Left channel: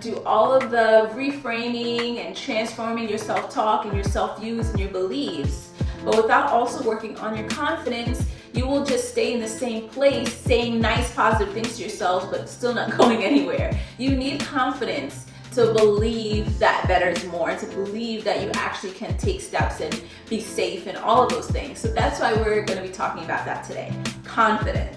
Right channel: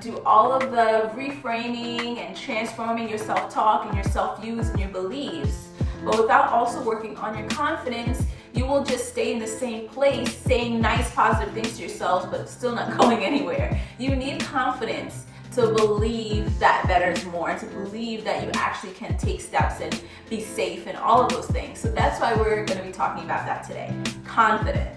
do all of the reframing and transforming your self-talk and your self-views and your beliefs, but without also working on your confidence, you will just stay in the same place saying nice positive things to yourselves but still not going anywhere. You need confidence to believe that better is more, and to believe that you actually can take steps and be safe and all of those things. So that's why we're going to be talking about that today. Confidence.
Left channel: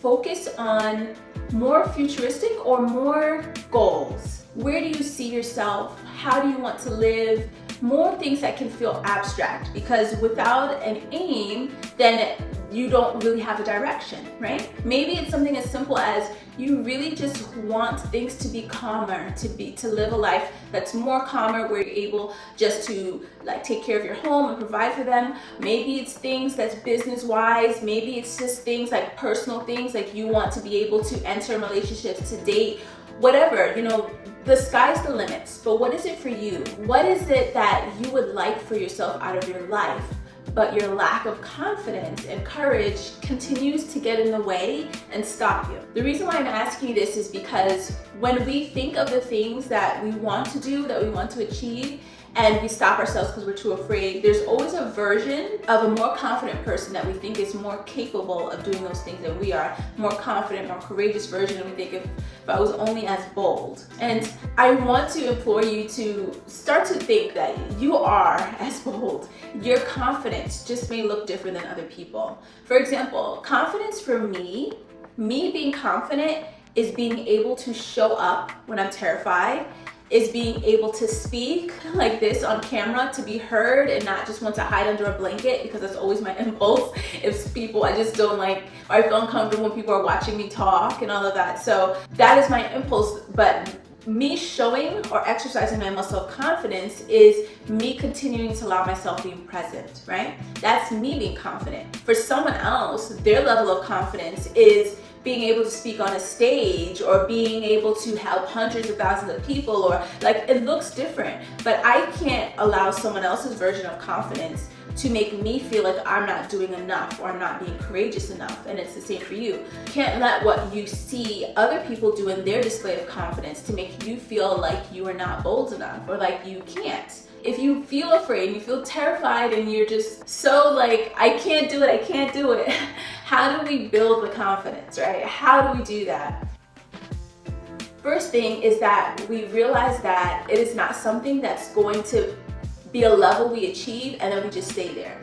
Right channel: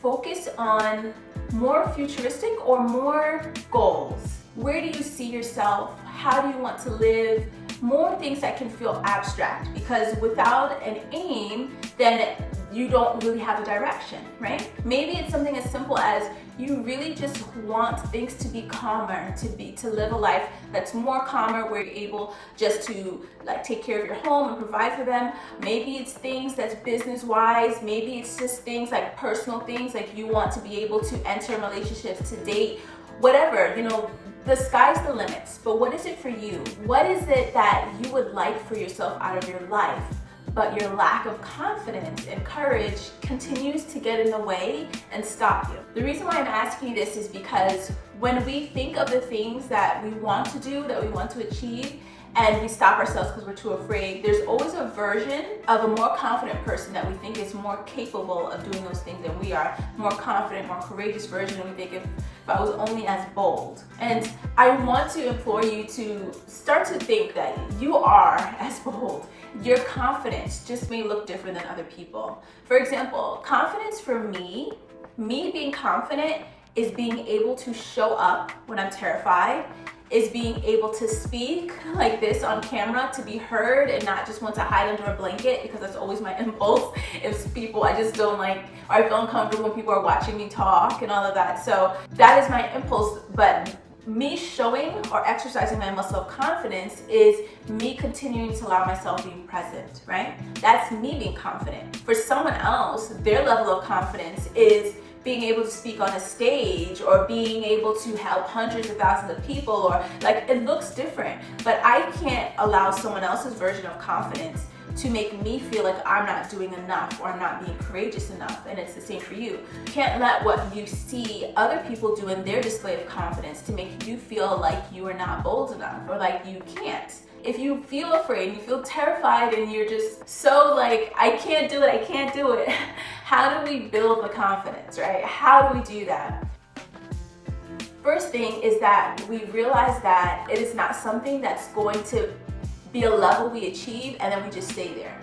Focus on more futuristic or more goals. Where do you see yourself? How do you want to live? More things that can feel abstract, because without an aim, then you don't really have a direction, right? Maybe it's something as simple as you really just want things to be calmer, to live a life that's more calmer, where you're able just to like take care of your home and provide for them. Maybe it's things that's business-wise. Maybe it's just things like personal things, like you want to be able to enter relationships, to date, whatever, you know, the sky's the limits. But what is it for you? What is it that you would like for yourself out of your life? But your lack of confidence and courage continues to get in the way and stop you. The reason why I'm asking you this is because when we think of the things that we want to do, that we want to achieve, and we stop ourselves because we're too afraid, there's always a version of a more confident person that we think is more capable of doing those things than we are. More confident, more courageous version, and we think if I was only as bold. And I want to implore you to start to think that you are as bold. Your confidence just may look different than other people. For example, confidence for me being confident is being able to show up when I'm terrified, is being able to speak like this on camera, to be heard and not just want to hide under a blanket, because that's always my impulse. If people, I just don't like, or I feel uncomfortable when people are watching me talk and all of that. So that is my impulse. But me showing or exercising my muscle of confidence is me continuing to allow myself being present, right? That's me being confident. For someone else, their level of confidence is being able to speak on a stage, or being able to help hundreds of thousands of people, or like, it looks different. But I can't allow someone else's version of confidence to make me feel like I'm not doing enough, or I'm not being courageous enough. And it's the same for you. You can't let what you see other people do in their display of confidence to make you feel like you are not bold enough, or like you can't. If you feel afraid, you feel terrified, and you're just so like, I can't do it, how do we build the confidence, right? How do we do that? First thing is that we realize that it is not something that's going to be a level we achieve and then we just stay there.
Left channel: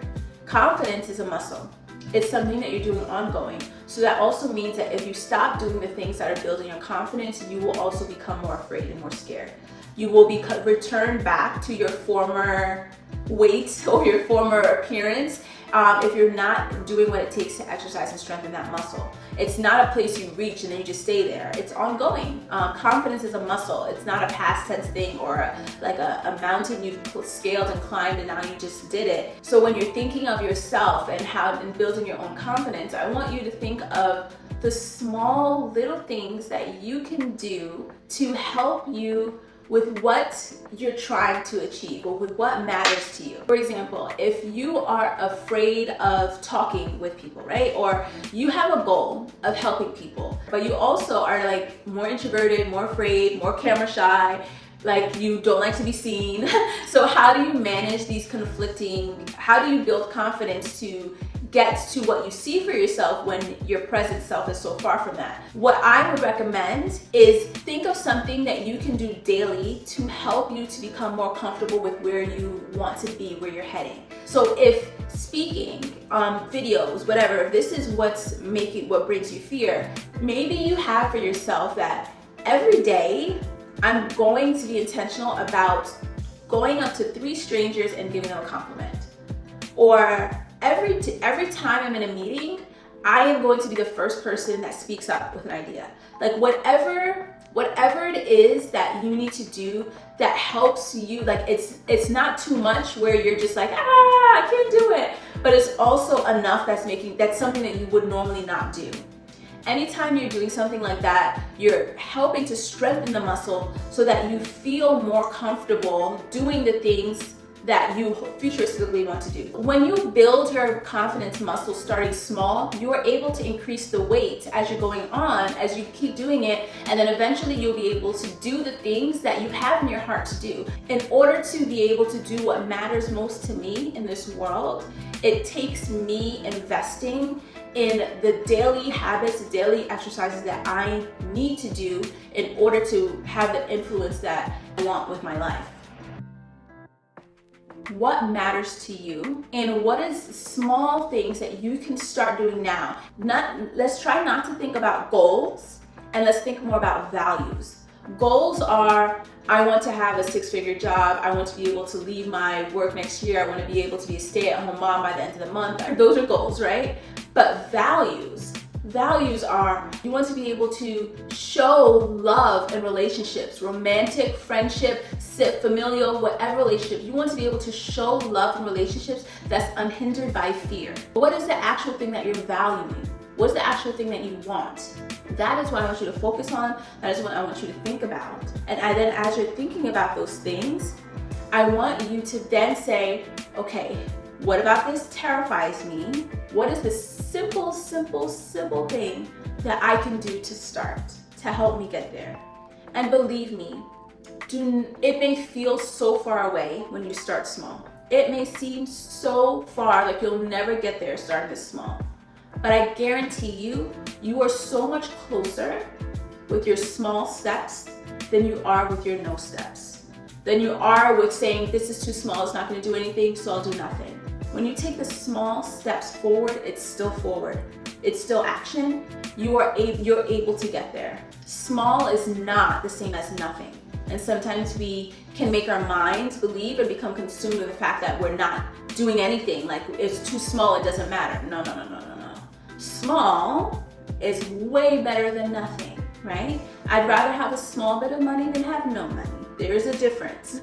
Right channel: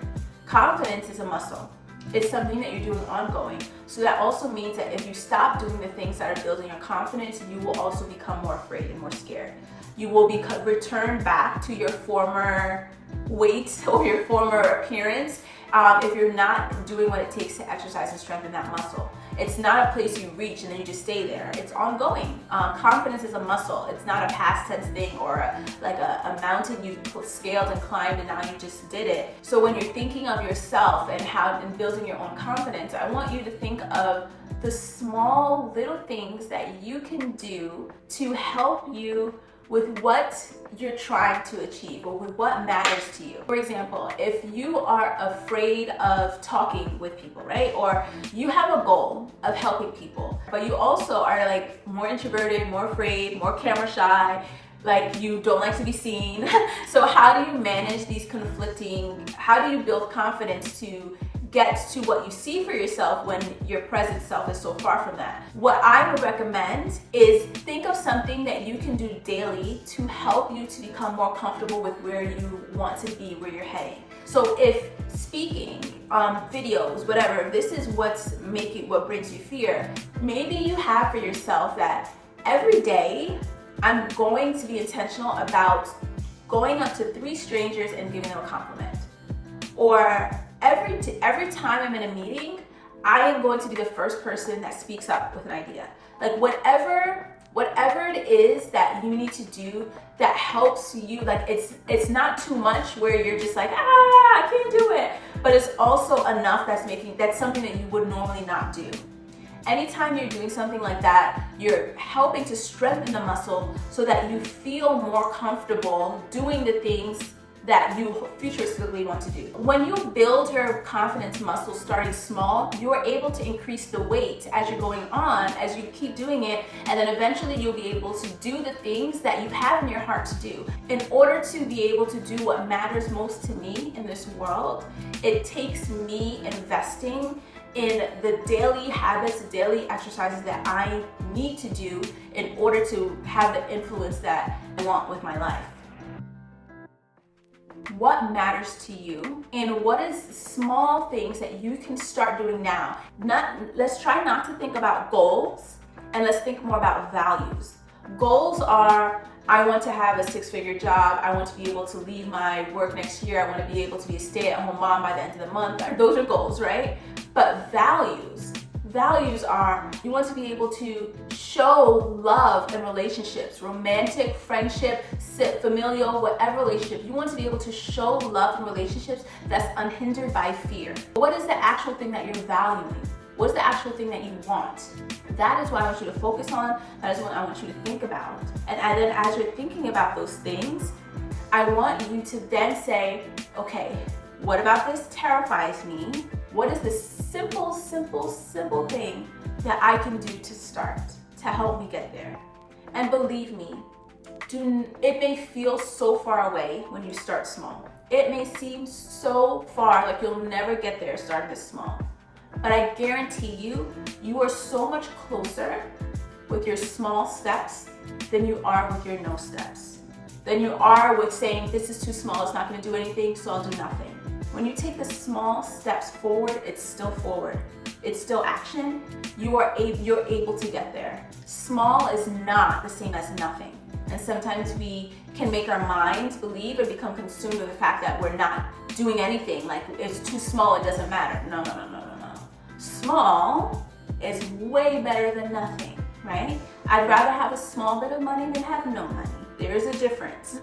Confidence is a muscle. It's something that you're doing ongoing. So that also means that if you stop doing the things that are building your confidence, you will also become more afraid and more scared. You will return back to your former weight or your former appearance if you're not doing what it takes to exercise and strengthen that muscle. It's not a place you reach and then you just stay there. It's ongoing. Confidence is a muscle. It's not a past tense thing, or a mountain you've scaled and climbed and now you just did it. So when you're thinking of yourself and building your own confidence, I want you to think of the small little things that you can do to help you with what you're trying to achieve, or with what matters to you. For example, if you are afraid of talking with people, right? Or you have a goal of helping people, but you also are like more introverted, more afraid, more camera shy, like you don't like to be seen. So how do you manage these how do you build confidence to get to what you see for yourself when your present self is so far from that? What I would recommend is think of something that you can do daily to help you to become more comfortable with where you want to be, where you're heading. So if speaking, videos, whatever, if this is what brings you fear, maybe you have for yourself that every day I'm going to be intentional about going up to 3 strangers and giving them a compliment. Or every time I'm in a meeting, I am going to be the first person that speaks up with an idea. Like whatever it is that you need to do that helps you, like it's not too much where you're just like, I can't do it, but it's also enough that's something that you would normally not do. Anytime you're doing something like that, you're helping to strengthen the muscle so that you feel more comfortable doing the things that you futuristically want to do. When you build your confidence muscle starting small, you are able to increase the weight as you're going on, as you keep doing it, and then eventually you'll be able to do the things that you have in your heart to do. In order to be able to do what matters most to me in this world, it takes me investing in the daily habits, the daily exercises that I need to do in order to have the influence that I want with my life. What matters to you, and what is small things that you can start doing now? Let's try not to think about goals, and let's think more about values. Goals are, I want to have a 6-figure job. I want to be able to leave my work next year. I want to be able to be a stay-at-home mom by the end of the month. Those are goals, right? But values are, you want to be able to show love in relationships, romantic, friendship, familial, whatever relationship. You want to be able to show love in relationships that's unhindered by fear. What is the actual thing that you're valuing? What is the actual thing that you want? That is what I want you to focus on. That is what I want you to think about. And then as you're thinking about those things, I want you to then say, okay, what about this terrifies me? What is the simple thing that I can do to start, to help me get there? And believe me, it may feel so far away when you start small. It may seem so far, like you'll never get there starting this small. But I guarantee you, you are so much closer with your small steps than you are with your no steps. Than you are with saying, this is too small, it's not gonna do anything, so I'll do nothing. When you take the small steps forward, it's still forward. It's still action. You're able to get there. Small is not the same as nothing. And sometimes we can make our minds believe and become consumed with the fact that we're not doing anything. Like, it's too small, it doesn't matter. No. Small is way better than nothing, right? I'd rather have a small bit of money than have no money. There is a difference.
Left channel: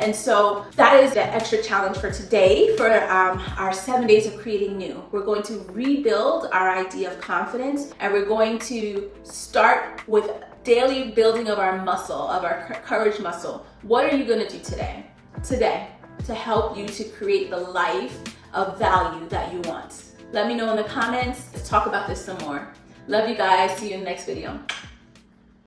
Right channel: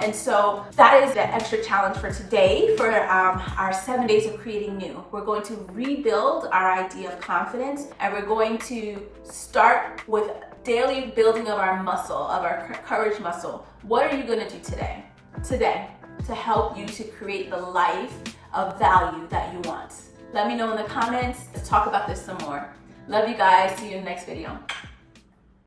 And so that is the extra challenge for today for our 7 days of creating new. We're going to rebuild our idea of confidence, and we're going to start with daily building of our muscle, of our courage muscle. What are you going to do today? To help you to create the life of value that you want. Let me know in the comments. Let's talk about this some more. Love you guys. See you in the next video.